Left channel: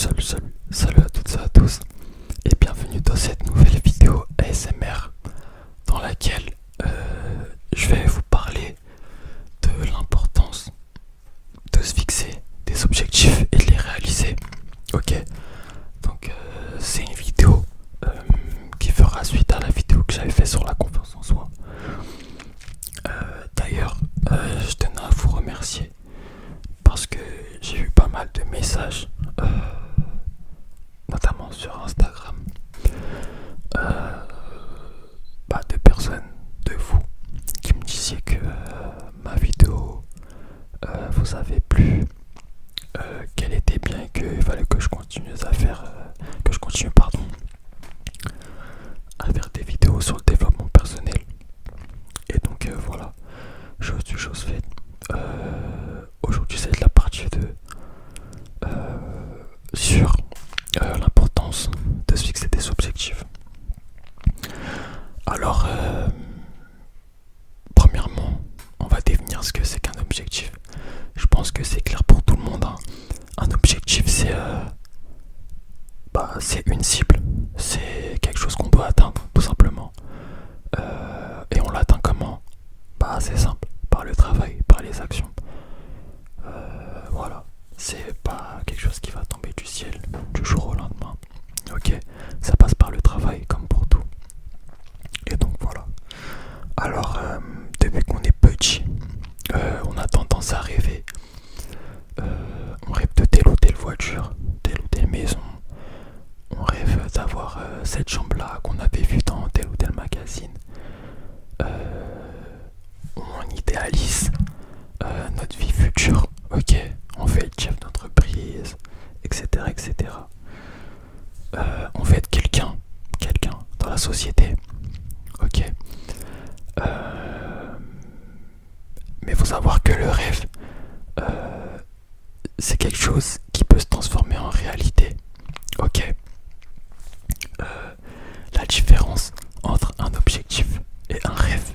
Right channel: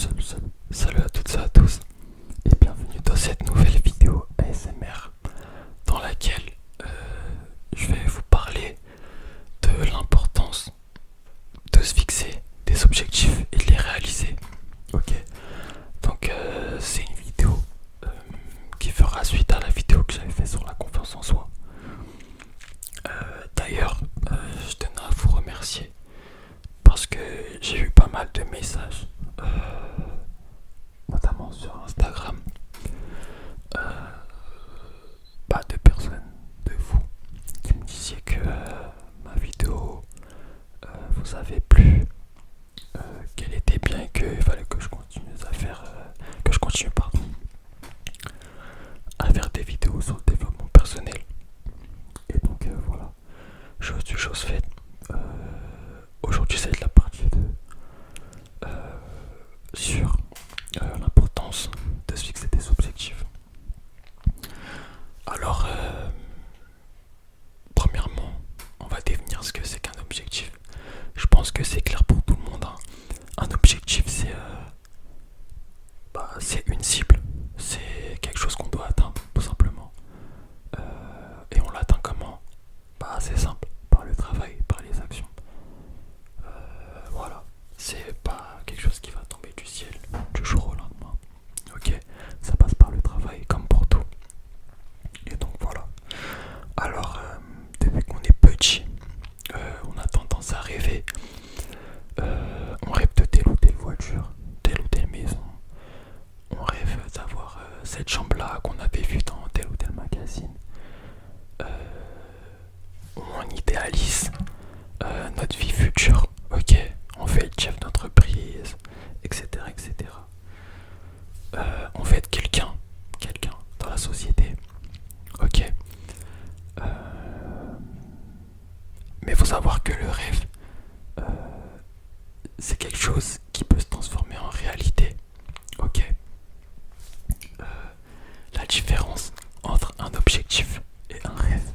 salut à toutes et à tous et bienvenue dans cette nouvelle vidéo ASMR dans laquelle je vais vous parler de l'importance de se fixer des objectifs et de les réaliser. Ok, donc c'est une vidéo qui fera suite à la vidéo que j'avais fait sur la confiance en soi. D'ailleurs, je tenais à vous remercier parce que j'ai eu pas mal de messages, notamment sur Instagram, de personnes, de vous, qui me disiez que ma vidéo vous avait plu, qu'elle était bien et qu'il fallait que je continue à faire, à faire des vidéos sur le développement personnel. Et donc voilà, chose du chose faite. Aujourd'hui c'est la partie 2 sur l'importance de se fixer des objectifs. Alors, premièrement, on va définir ce que c'est qu'un objectif. Je pense que c'est clair pour tout le monde, hein. Un objectif, c'est une cible, c'est quelque chose qu'on doit atteindre, tout simplement. Et on l'atteint comment? C'est simple, par le travail, par les actions. Voilà, c'est pas quelque chose qui va tomber du ciel du jour au lendemain. Ok, ça passe par le travail comme pour tout. Et donc voilà. Alors, depuis qu'on est petit, on a tendance à rêver. On rêve de telle ou telle voiture, telle ou telle maison. On rêve d'avoir cette chambre-là qu'on avait vue dans tel ou tel magazine. On idéalise notre vie future. Ok, on fait le chef d'entreprise, etc., etc. On veut être quelqu'un dans la société. Ok. Mais il faut savoir que le rêve, c'est quelque chose qui peut se transformer en réalité. Ok. La différence entre un objectif et un rêve,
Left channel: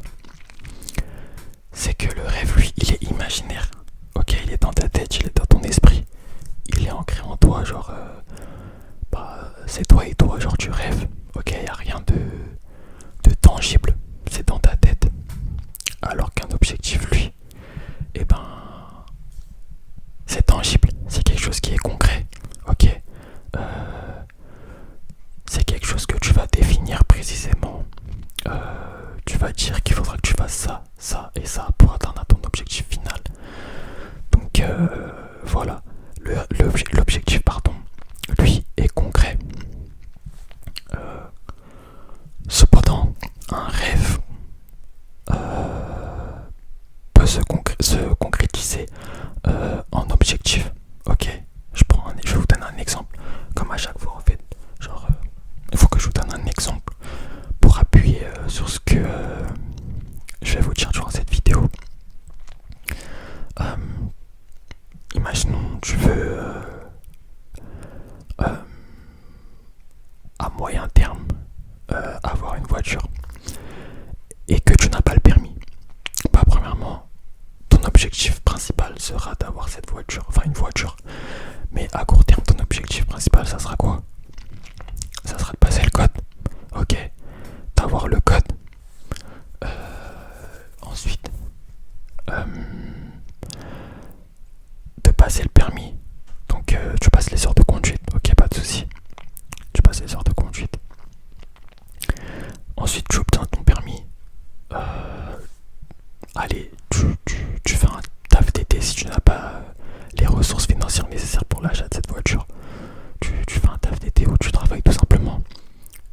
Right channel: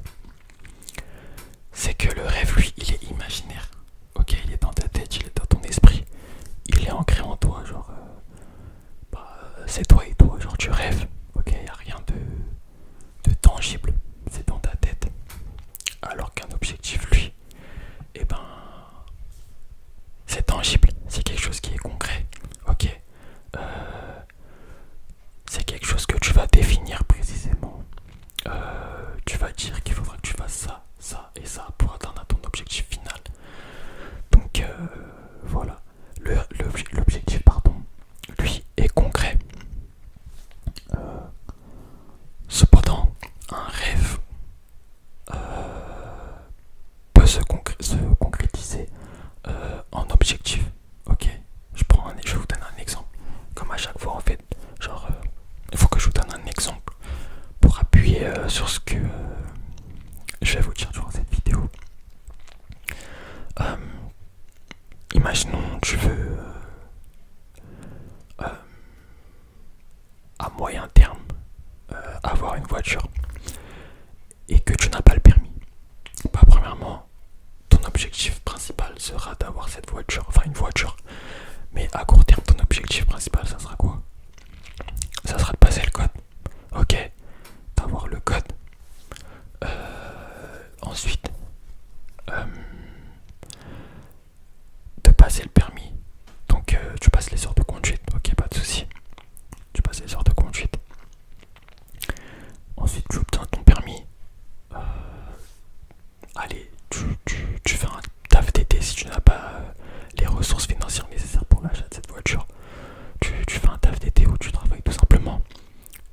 c'est que le rêve, lui, il est imaginaire. Ok, il est dans ta tête, il est dans ton esprit. Il est ancré en toi, genre, c'est toi et toi, genre tu rêves. Ok, il n'y a rien de tangible, c'est dans ta tête. Alors qu'un objectif, lui, c'est tangible, c'est quelque chose qui est concret. Ok, c'est quelque chose que tu vas définir précisément. Tu vas dire qu'il faudra que tu fasses ça, ça et ça pour atteindre ton objectif final. Donc voilà, l'objectif, lui est concret. Cependant, un rêve peut se concrétiser en objectif. Ok, je vais vous donner un exemple. Comme à chaque fois en fait, genre il faut que je vous donne un exemple pour appuyer sur ce que je vais vous dire durant cette vidéo. Imaginons tu veux à moyen terme avoir une voiture et que tu n'as pas le permis. Premièrement, ton objectif principal sera d'avoir cette voiture, enfin une voiture. Mais à court terme, ton objectif principal, ça sera quoi? Ça sera de passer le code. Ok, d'avoir le code. Ensuite, de passer le permis. Donc tu passes les heures de conduite. Ok, pas de souci. Tu passes les heures de conduite. Ensuite, tu obtiens ton permis. Allez, tu fais un taf d'été si tu n'as pas les ressources financières nécessaires pour l'achat de cette voiture. Tu fais un taf d'été où tu travailles tout simplement.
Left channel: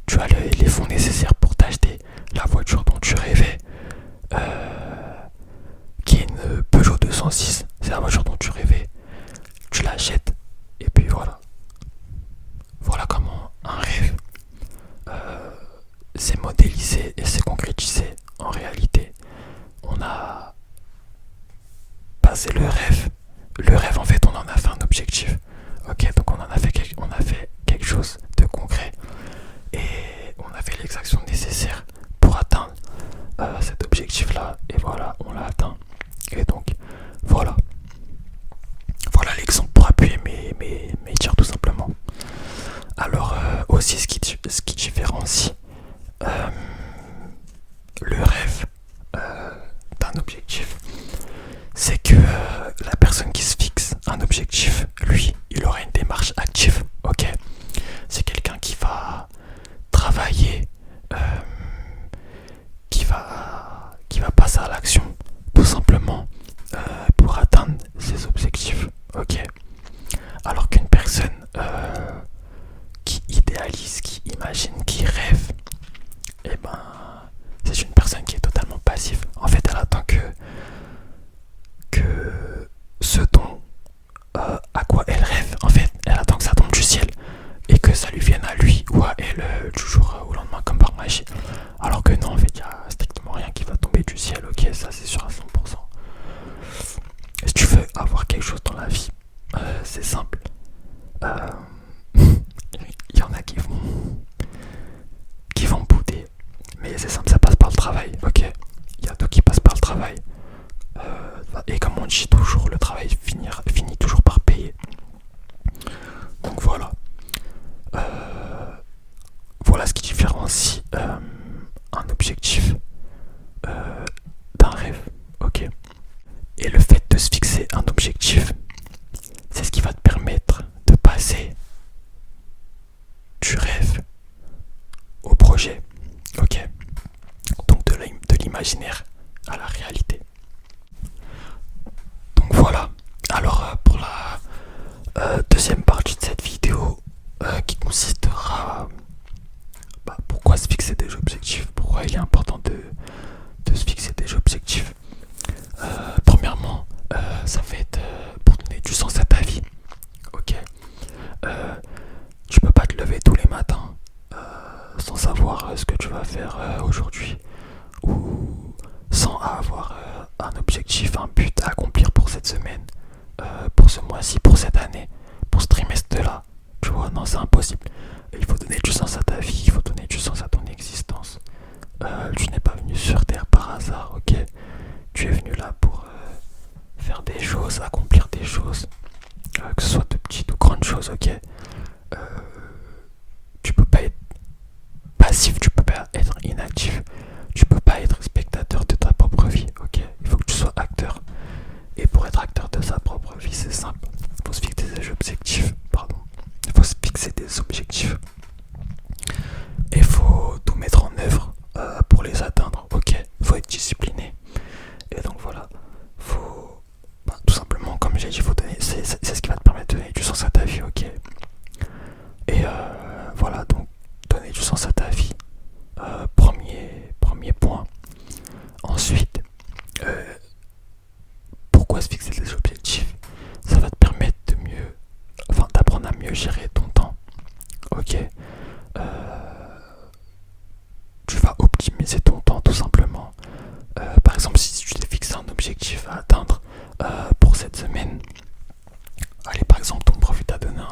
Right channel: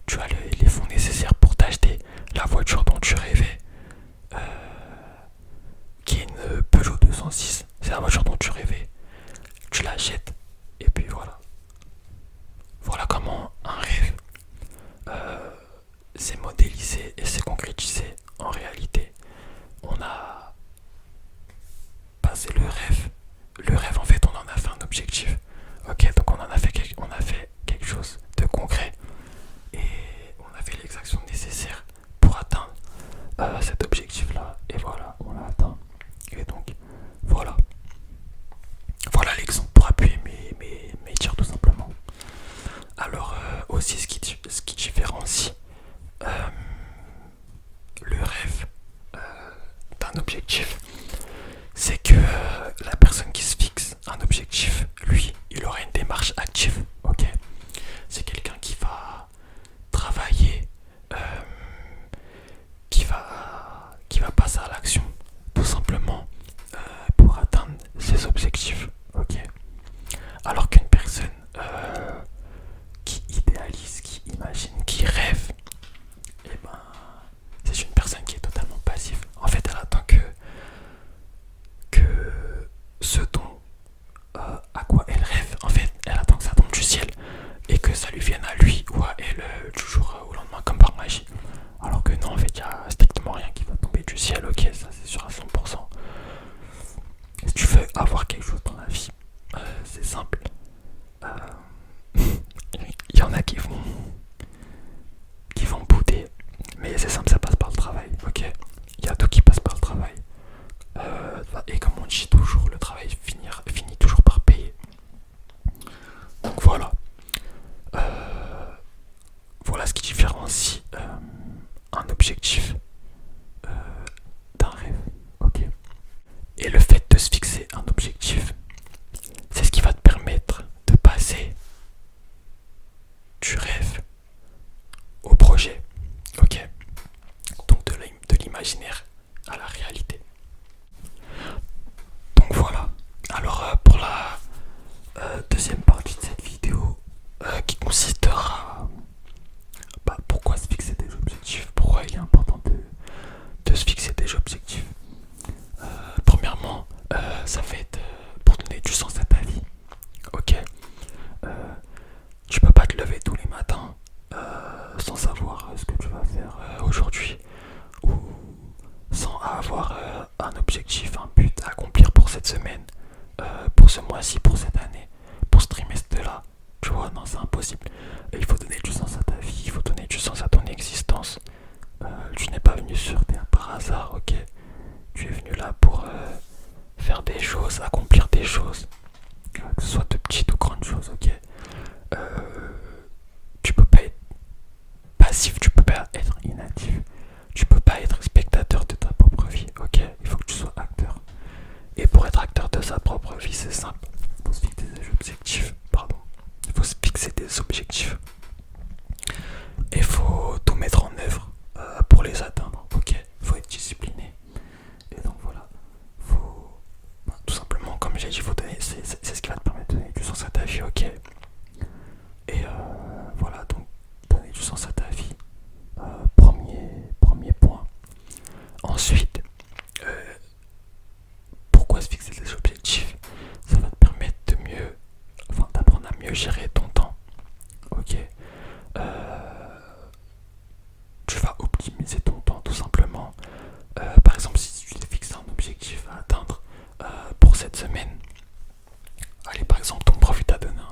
Tu as les fonds nécessaires pour t'acheter la voiture dont tu rêvais, qui est une Peugeot 206. C'est la voiture dont tu rêvais. Tu l'achètes et puis voilà. Voilà comment un rêve s'est modélisé et s'est concrétisé en réalité. On a passé le rêve. Le rêve, en fait, on en a fait un objectif. Ok, donc on a fait quelque chose de concret et on a fait les actions nécessaires pour atteindre cet objectif-là. Et voilà, on l'a atteint. Et donc, voilà. Voilà l'exemple pour appuyer mes dires tout simplement. personne qui idéalise, qui imagine, qui rêve, et ben c'est une personne qui est totalement passive. En fait, elle attend que ce dont à quoi elle rêve, en fait, elle attend que ça tombe du ciel et que ça lui vienne à lui ou à elle du jour au lendemain comme par magie. Alors que non, en fait, il n'y a strictement rien qui va tomber du ciel, ok, ça c'est sûr à 100%. Si tu veux avoir quelque chose dans la vie, c'est simple. Il y en a qui vont bouder, mais c'est simple, ça passe par le travail, ok. Il y a tout qui passe par le travail. Et comme on dit toujours, le travail finit toujours par payer. Donc voilà. Voilà ce qui différencie un objectif d'un rêve, ok. Et le fait de se fixer un objectif, c'est ce qui va te permettre de passer du rêve au projet, ok. Donc de l'imaginaire à la réalité. Donc voilà. Alors pour la deuxième partie de cette vidéo qui consistera pourquoi se fixer des objectifs, pourquoi il est important de se fixer des objectifs. Premièrement, ça va être pour donner du sens à ta vie, ok. Tu peux pas te lever tous les matins sans savoir ce que tu vas faire aujourd'hui ou sans avoir un objectif, un but à accomplir pour cette semaine, pour ce mois-ci, pour cette année, pour ce trimestre-là. Tu vois, non, c'est impossible. Il faut donner du sens à ta vie, il faut donner du sens à ton existence. Tu n'es pas venu sur Terre par hasard, ok. Tu es venu là pour faire des choses, accomplir des choses, que ce soit de petites ou grandes choses, ok. Tu peux pas être passif, tu peux pas être inactif, tu peux pas être spectateur de ta propre vie, ok. Il faut que tu sois acteur. Et pour être acteur de sa propre vie, c'est simple. Il faut se fixer des objectifs, pardon. Il faut se fixer des objectifs. Et il faut tout mettre en œuvre pour les atteindre, ok. Il faut être discipliné. Et donc voilà, faut tout simplement, comme j'ai dit, faut donner, c'est ce qui va te permettre de donner du sens à ta vie, ok. Et voilà, donc donner du sens à ta vie, premier point. Ensuite, pourquoi se fixer des objectifs? Ça va te permettre d'apprendre à mieux gérer ton temps, ok. Tu vas optimiser ton temps tout simplement. Par exemple, si tu t'es fixé un objectif à atteindre pour cette semaine, allez, par exemple, ton prof t'a donné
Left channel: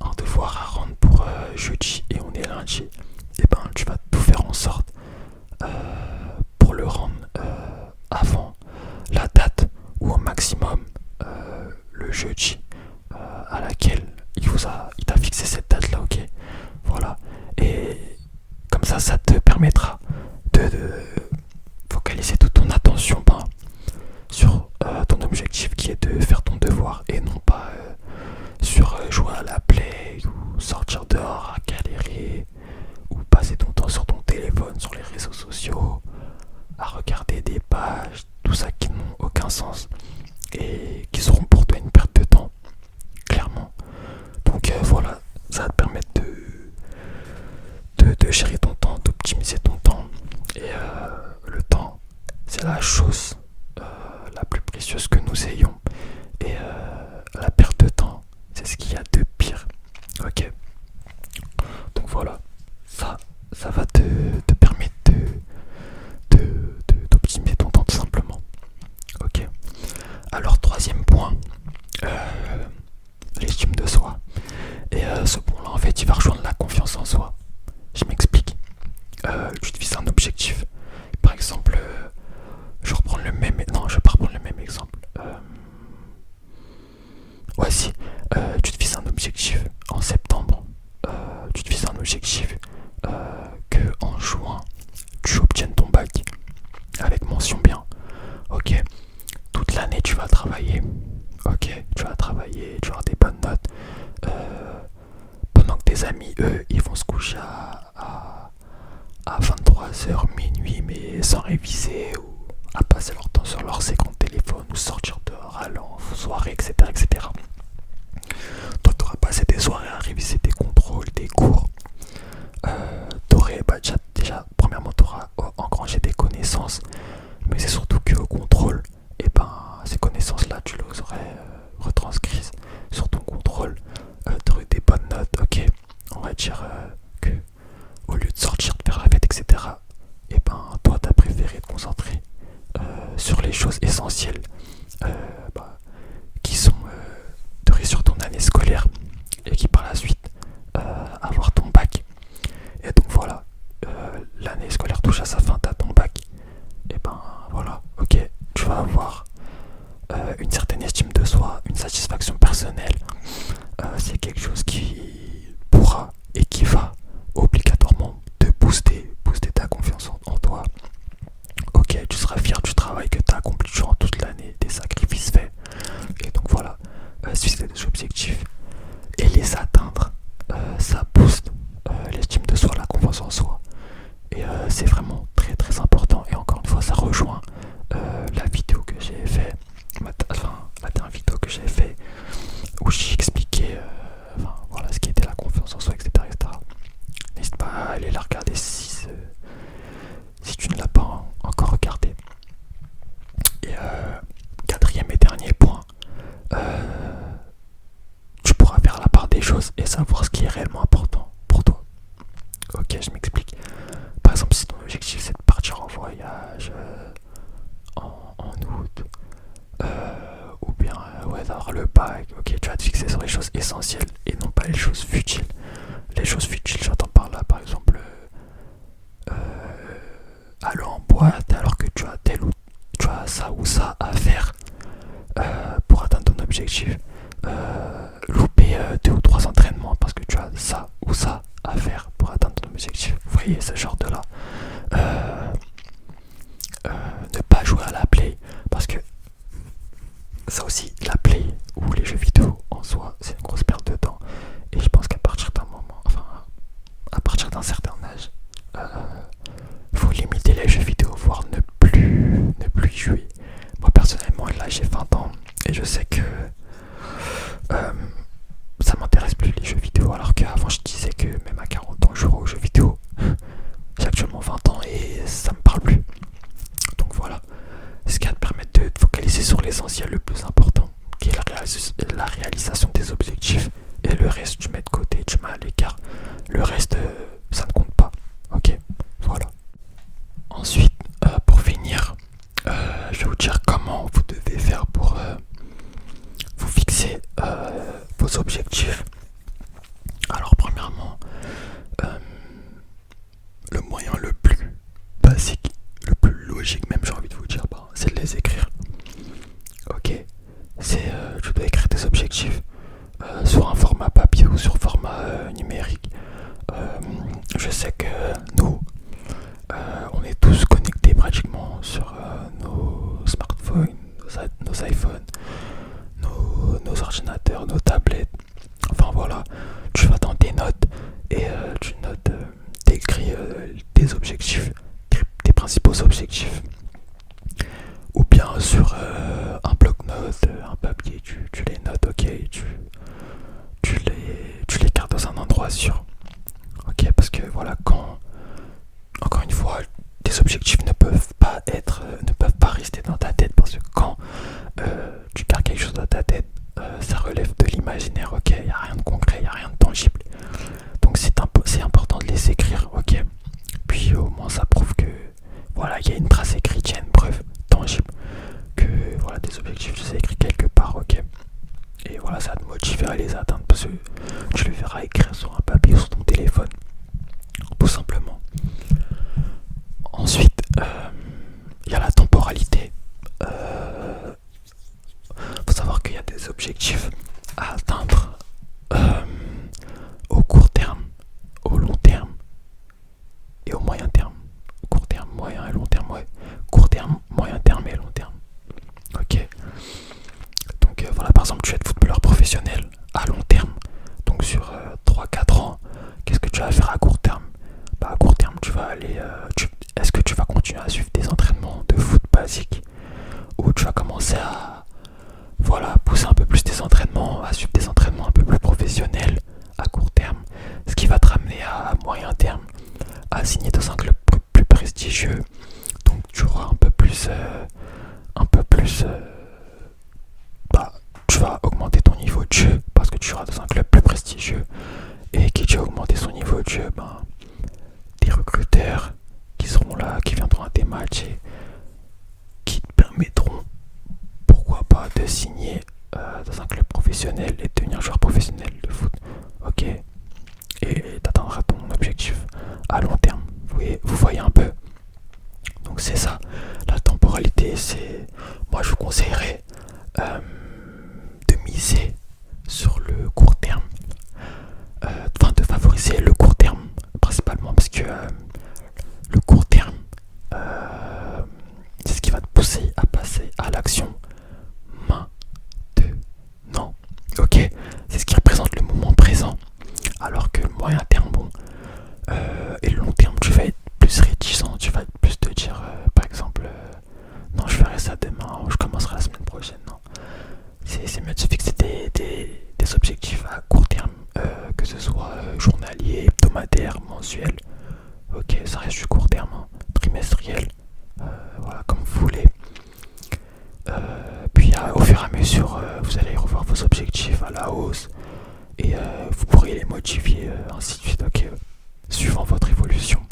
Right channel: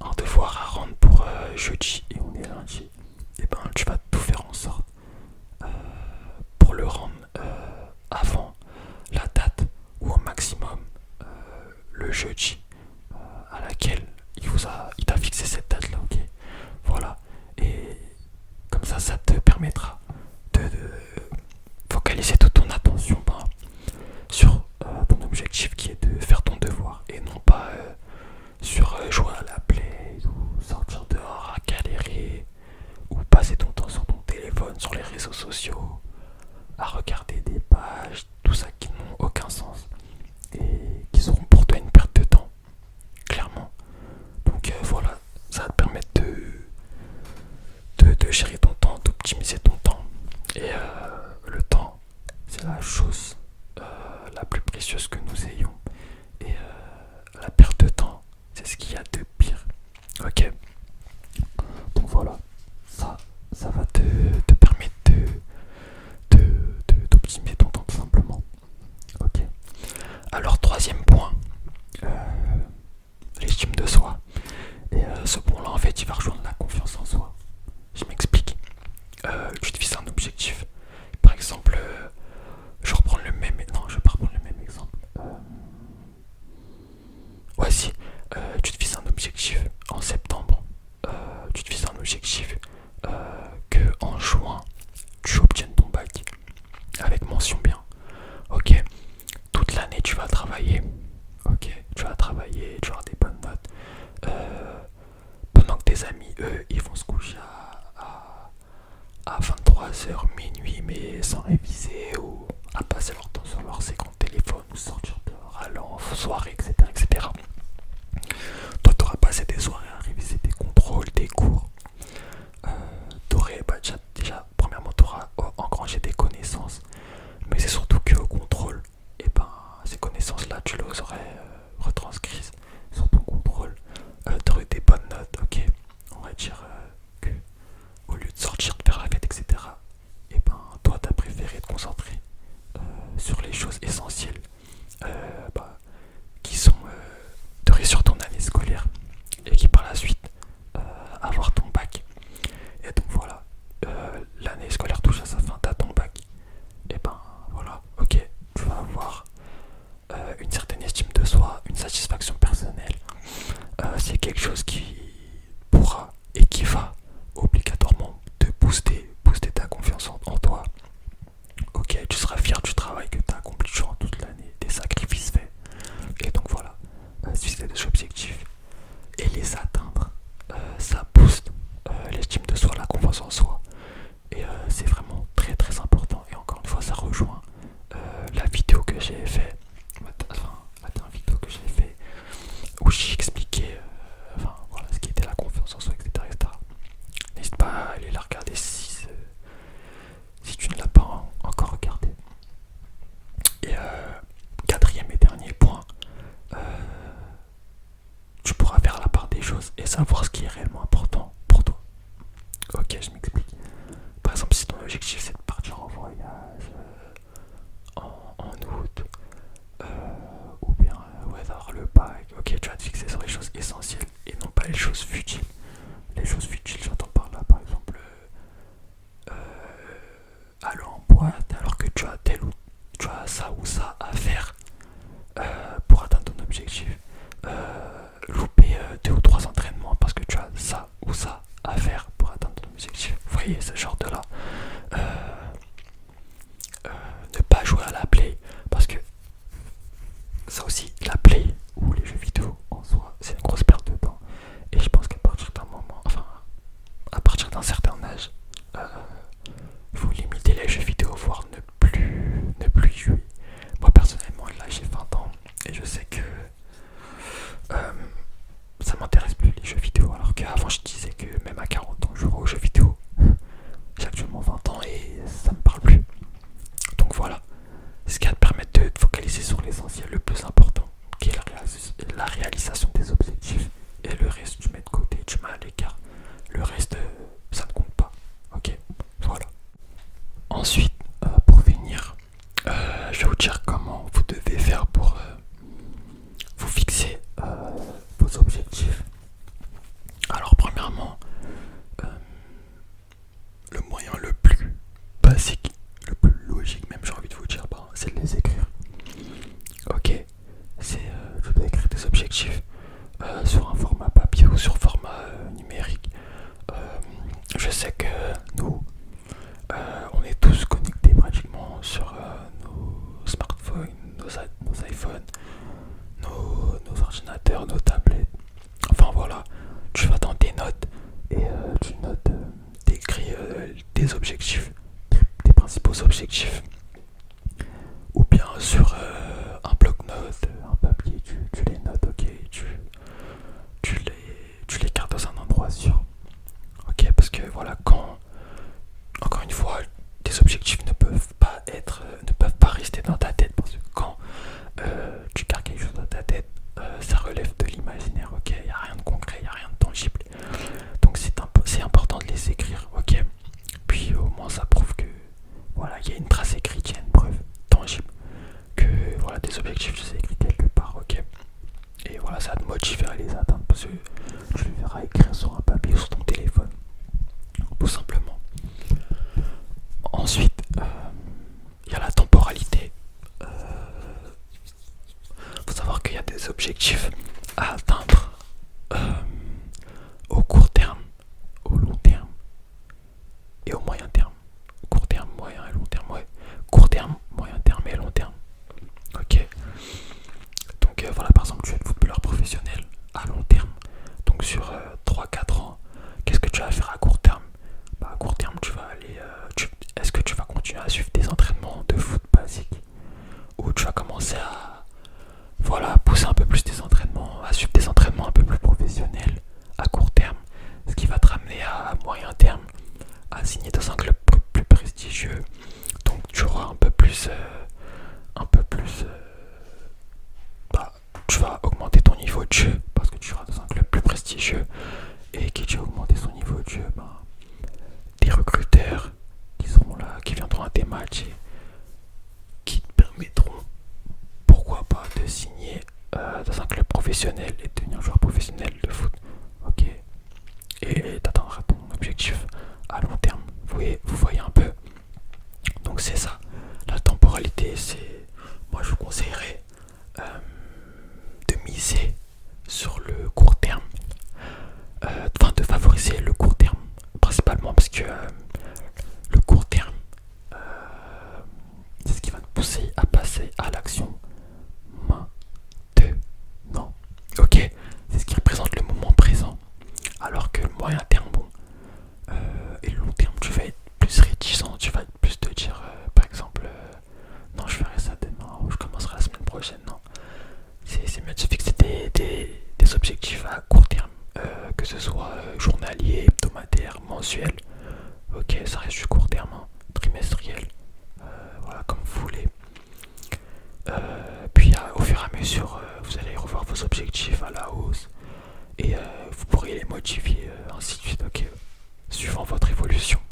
un devoir à rendre pour jeudi et on est lundi, et ben tu vas tout faire en sorte pour le rendre avant la date ou au maximum le jeudi à laquelle il t'a fixé cette date là, ok. Voilà. Et comme ça te permettra de focaliser toute ton attention sur ton objectif qui est de faire ton devoir et non pas sur jouer à la play ou sortir dehors à galérer ou passer ton temps sur ton téléphone, sur les réseaux sociaux, à regarder des pages, tout ça qui n'ont aucun sens et qui seront pour toi une perte de temps, clairement. Donc voilà, ça va te permettre de gérer ton temps, d'optimiser ton temps. Et le temps, c'est la chose la plus précieuse que nous ayons. Et la perte de temps, c'est ce qu'il y a de pire. Ok. Donc voilà, ça va te permettre d'optimiser ton temps tout simplement. Ok. Alors troisième point, l'estime de soi. Et ce point-là, en fait, il va rejoindre la confiance en soi. Je m'explique. Tu te fixes un objectif. Par exemple, je vais pas reprendre le même exemple. Ouais, si. Tu te fixes un objectif en septembre. Tu te fixes un objectif que en juin, tu obtiennes ton bac avec mention bien. Ok. Toute l'année, tu vas travailler. Ok. Tu vas travailler, tu vas avoir des bonnes notes. Pendant que tes amis, eux, ils vont se coucher à 23h, minuit, mais sans réviser ou à passer leur temps sur leur écran de téléphone ou sortir dehors, aller en soirée, etc., etc. dire que au lieu de sortir, de faire la fête, etc., et ben toi t'as préféré te concentrer sur les choses essentielles bah, qui sont de réussir ton année scolaire et qui par la suite avoir ton bac. Et donc voilà, l'année scolaire touche à sa fin, t'as ton bac. Et ben voilà, ok, tu vas avoir une certaine estime de soi, une satisfaction personnelle. C'est quelque chose qui pourra et qui va obligatoirement te booster ta confiance en toi. Ok, tu seras fier du travail que tu as accompli durant toute l'année, des sacrifices faits. Et donc voilà, suivre des objectifs et les atteindre, ça booste l'estime de soi, la confiance en soi. Et c'est vraiment très très important. Et encore une fois, ça rejoint la vidéo que j'ai fait, enfin la dernière vidéo que j'ai fait où j'ai expliqué enfin, voilà, ce qui était la confiance en soi, etc. etc. N'hésite pas à aller la regarder si tu ne l'as pas encore regardé. Et quatrième et dernier point, tu pourras faire la part des choses et savoir ce qui est réellement important pour toi. Ok, je m'explique. Par exemple, si ton objectif c'est de partir en voyage en août, ou bien ouais, d'avoir le bac, ok, tu vas te fixer sur les choses essentielles et non pas les choses futiles. Les choses futiles, j'entends par là, par exemple, aller en boîte alors que tu as tel ou tu as ça ou ça à faire pour atteindre ton objectif. Louper 2 ou 3 entraînements parce que tu as ça ou ça à faire pour atteindre ton objectif. Vous voyez ce genre de là. Ne pas jouer à la play parce que ça aussi, la play ou les jeux vidéo en soi, c'est une grosse perte de temps. Et je pense qu'à partir d'un moment, enfin, à partir d'un certain âge, faut limiter les jeux vidéo, voire ne plus y jouer. Moi personnellement, là j'ai 20 ans et je sais que ça m'intéresse plus les jeux vidéo, alors qu'avant je disais que même à 40 ans je jouerais aux jeux vidéo. J'ai actuellement 20 ans et ça me parle plus. Donc voilà, ce qui va te permettre de te focaliser sur l'essentiel, le plus important, qui est la réalisation des objectifs. Et le reste, tu mets de côté, tu mets à l'écart. Le reste, ça ne compte pas. Ok, voilà. Ensuite, pour finir, je vais vous dire comment vous devez faire pour vous fixer vos objectifs. Alors premièrement, le moyen le plus basique, le plus logique même, j'ai envie de vous dire, c'est de les écrire. Ok, tu dois écrire tes objectifs sur un format papier ou sur format numérique. Je sais que nous, on est tous connectés pratiquement sur nos smartphones, nos iPhones, nos ordinateurs, nos tablettes. Enfin voilà, tu vas dans tes notes et tu notes, t'écris tes objectifs, tes principaux objectifs. Ou bien sur un bloc-notes, un papier, tu les notes, ok, tu les gardes dans un endroit sûr. Ok, parce que voilà, encore une fois, tes objectifs ne peuvent pas rester dans ta tête, parce que quand tu gardes quelque chose dans ta tête, ça relève de l'imaginaire, ok, il n'y a rien de concret, il n'y a rien de tangible. Donc c'est important de les écrire, ok. Puis au moins ça prouve que voilà, il y a une trace écrite, il y a une preuve tangible que voilà, tes objectifs, tu les as écrits quelque part, ok. Et voilà, ça va te motiver à les atteindre parce que tu les verras écrire sur un papier ou sur ton téléphone, tout simplement. Ensuite, il y a la temporalité. Faut savoir qu'il y a des objectifs à atteindre au court terme, au long terme et au moyen terme. Court terme, moyen et long terme, ouais. Court terme, moyen terme et long terme. Ok. Donc voilà, par exemple, tu es footballeur professionnel à long terme. le court terme, enfin de favoriser le court terme principalement parce que le court terme c'est ce qui va te pousser à passer à l'action maintenant. Ok, c'est ce qui représente le moment présent. Alors que le moyen terme, bon, et le long terme, tu vas être plus réticent, tu vas être plus te dire, par exemple, non, je ferai ça demain, ou je commencerai la semaine prochaine. Non, c'est mieux de se fixer des objectifs à court terme, que ce soit journalier, hebdomadaire, mensuel. Ok, ça reste du court terme, hein, trimestriel, voilà, comme vous voulez. Puis au fur et à mesure, vous allez revoir vos objectifs à la hausse et vous pourrez les modifier, ainsi de suite, ok, suivant votre évolution.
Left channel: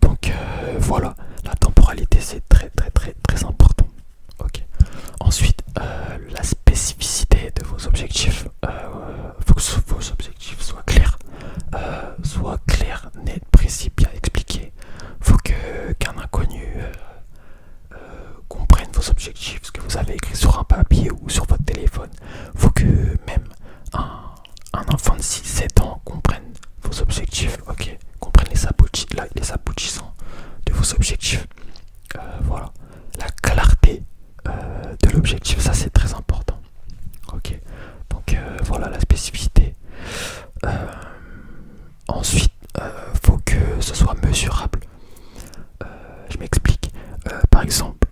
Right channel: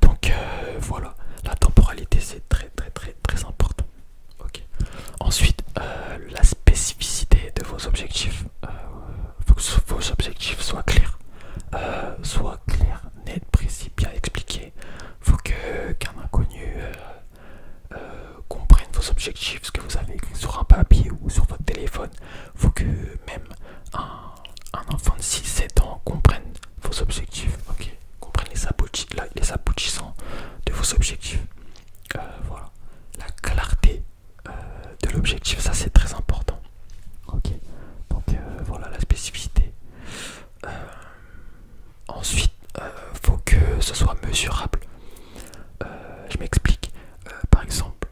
Donc voilà, la temporalité c'est très très très très important. Ok. Ensuite, la spécificité de vos objectifs. Faut que vos objectifs soient clairs, nets, précis, bien expliqués. Faut qu'un inconnu comprenne vos objectifs, ce que vous avez écrit sur un papier ou sur votre téléphone. Faut que même un enfant de 6-7 ans comprenne vos objectifs, ok, comprenne les aboutissants de vos objectifs. Voilà, la clarté de l'objectif, ça c'est très important. Ok, donc voilà la spécificité. Ensuite, faut que ce soit mesurable. Je m'explique. Par exemple,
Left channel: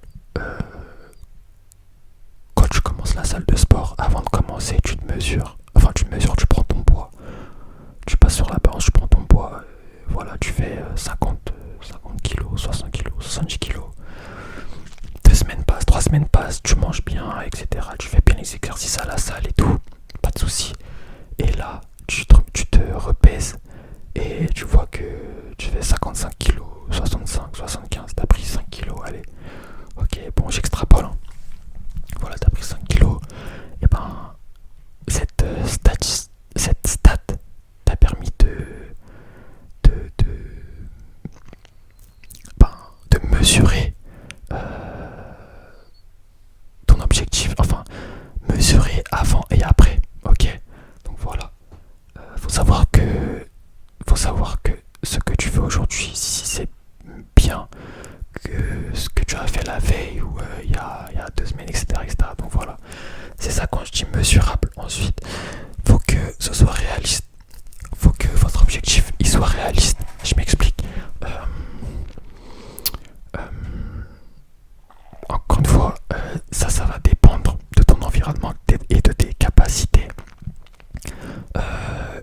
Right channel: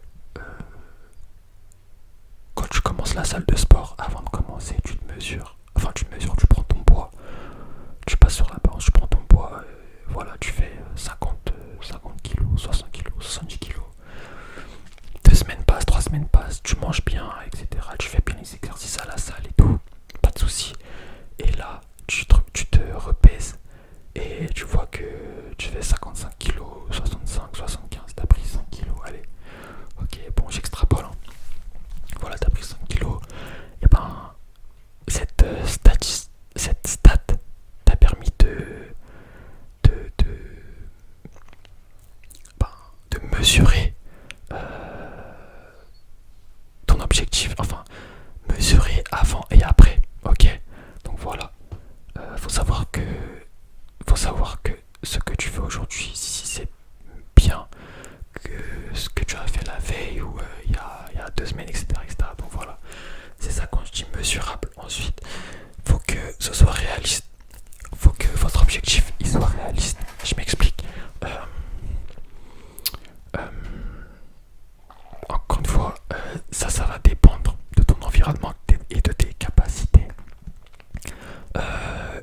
quand tu commences la salle de sport, avant de commencer, tu te mesures. Enfin, tu prends ton poids. Tu passes sur la balance, tu prends ton poids. Voilà, tu fais 50 kilos, 60 kilos, 70 kilos. 2 semaines passent, 3 semaines passent, tu manges bien, etc. Tu fais bien les exercices à la salle et tout. Pas de soucis. Et là, tu te repèses et tu vois que tu fais 55 kilos, 65, 75, t'as pris 5 kilos, allez. Ok, bon, j'extrapole. Hein. Voilà, t'as pris 5 kilos. Et ben, cette stat t'a permis ben, de mesurer ton objectif, enfin, mesurer avant et après. Ok, donc voilà. Faut savoir que ce que tu fais aujourd'hui, si c'est bien que ce que tu as fait la veille ou il y a 2 semaines, etc., etc. Donc voilà, c'est ça quand je dis mesurable. Ensuite, faut que ce soit réaliste. Faut que votre objectif il soit réaliste. Je m'explique. Encore une fois, ça va dépendre de ton environnement et de tes capacités.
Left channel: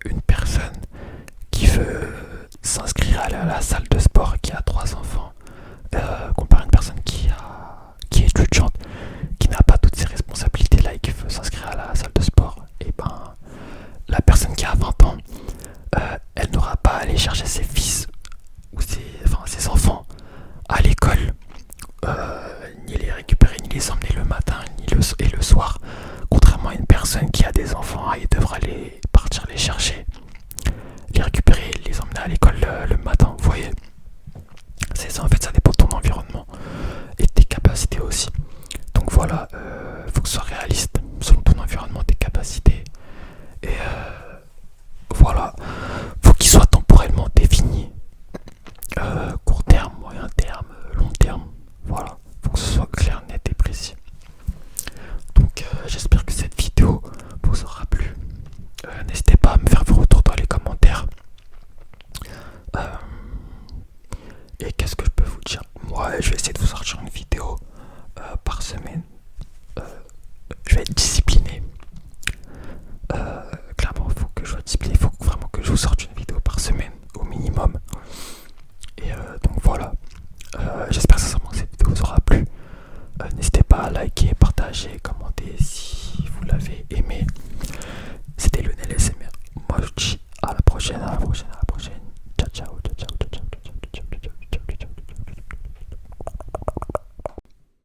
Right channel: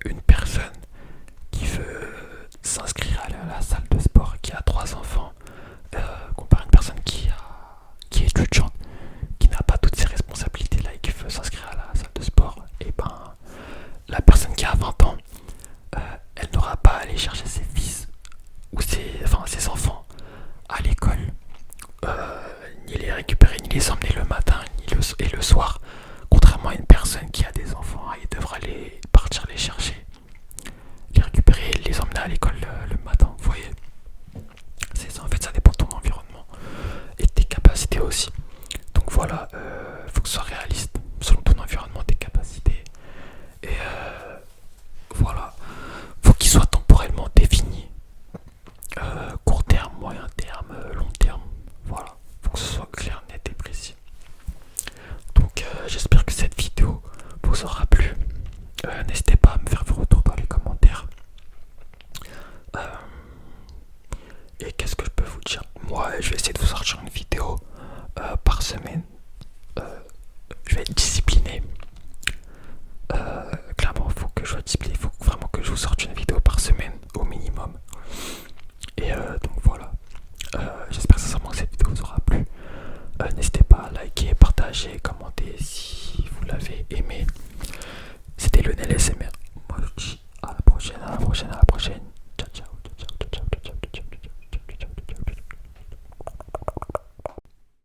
Une personne qui veut s'inscrire à la salle de sport, qui a 3 enfants, comparé à une personne qui est étudiante, qui n'a pas toutes ses responsabilités là et qui veut s'inscrire à la salle de sport, et ben la personne qui a 20 ans, elle n'aura pas à aller chercher ses fils ou ses enfants à l'école, ni les récupérer, ni les emmener le matin, et le soir. Contrairement à une personne qui a des enfants, elle devra partir les chercher, les récupérer, les emmener à l'école le matin. Vous voyez, c'est ça en fait, ça dépend de ton environnement et de tes capacités aussi. Donc voilà, faut que ce soit réaliste selon ton environnement, tes capacités. Et voilà, faut qu'il soit temporellement défini. Court terme, moyen terme, long terme. Voilà, faut que ce soit clair, net et précis. Donc j'espère que cette vidéo vous aura plu. N'hésitez pas à me faire vos retours dans les commentaires. Et qu'est-ce que je peux vous dire? Moi, je vais essayer de vous sortir une vidéo par semaine. Je vais être discipliné. Clairement, il faut que je sois discipliné. Il faut vraiment que je vous sorte une vidéo par semaine au minimum. Et donc voilà. J'espère sincèrement que cette vidéo vous aura plu. N'hésitez pas à liker, partager, commenter si vous l'avez aimé. C'était Lionel SMR. Moi je dis à la prochaine, à la prochaine, à la prochaine.